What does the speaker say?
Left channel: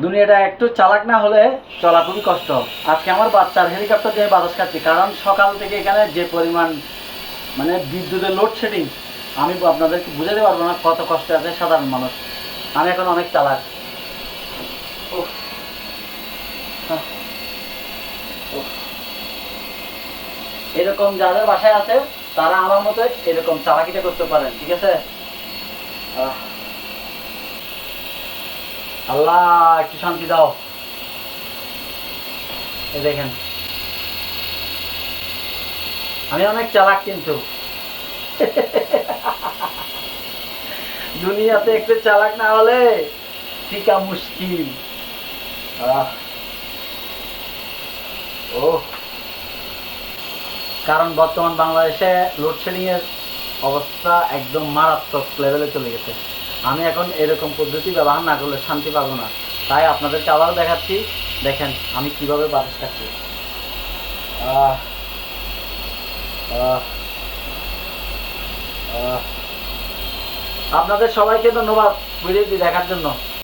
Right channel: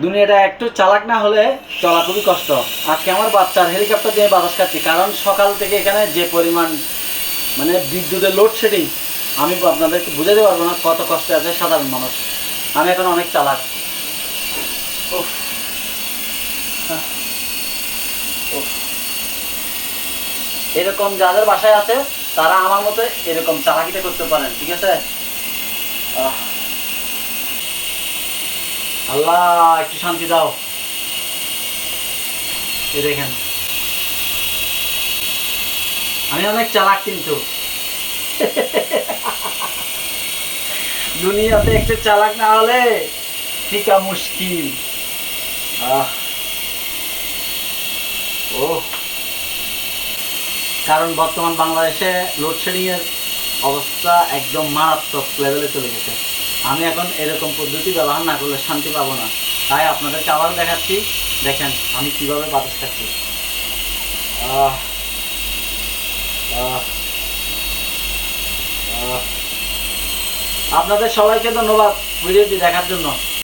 দুনিয়াটা একটু চালাক না হলে চলা খুবই কষ্ট। আজকে আমার বাচ্চার হেলিকপ্টার দিয়ে বাতাস খাচ্ছি কারণ সকাল থেকে এখানে যে পরিমাণ মানে বিদ্যুতের লোডশেডিং আমি আপনাদেরকে বুঝাতে পারব না কত কষ্টে আছে সাধারণ মানুষ। আমি এখন অনেক চালাক। এরকম যাদের বাসায় আছে তারা আমার মতো এরকম চালাকিটা করতে পারেন ঠিক আছে। আল্লাহ, একটু শান্তি দাও। এই দেখেন। আমি অনেক চালাক কিন্তু। দুনিয়াতে একটু চালাক না হলে টিকা মুশকিল। ও কারণ বর্তমান বাংলাদেশে লোডশেডিং এর অবস্থা একদম মারাত্মক লেভেলে চলে গেছে। আমি এখন এরকম পদ্ধতি ব্যবহার না করলে শান্তি পাবো না। তাই আপনাদেরকে আবার দেখাচ্ছি, দেখেন আমি কীভাবে বাতাস খাচ্ছি। আপনাদের সবাইকে ধন্যবাদ ভিডিওটি দেখার জন্য।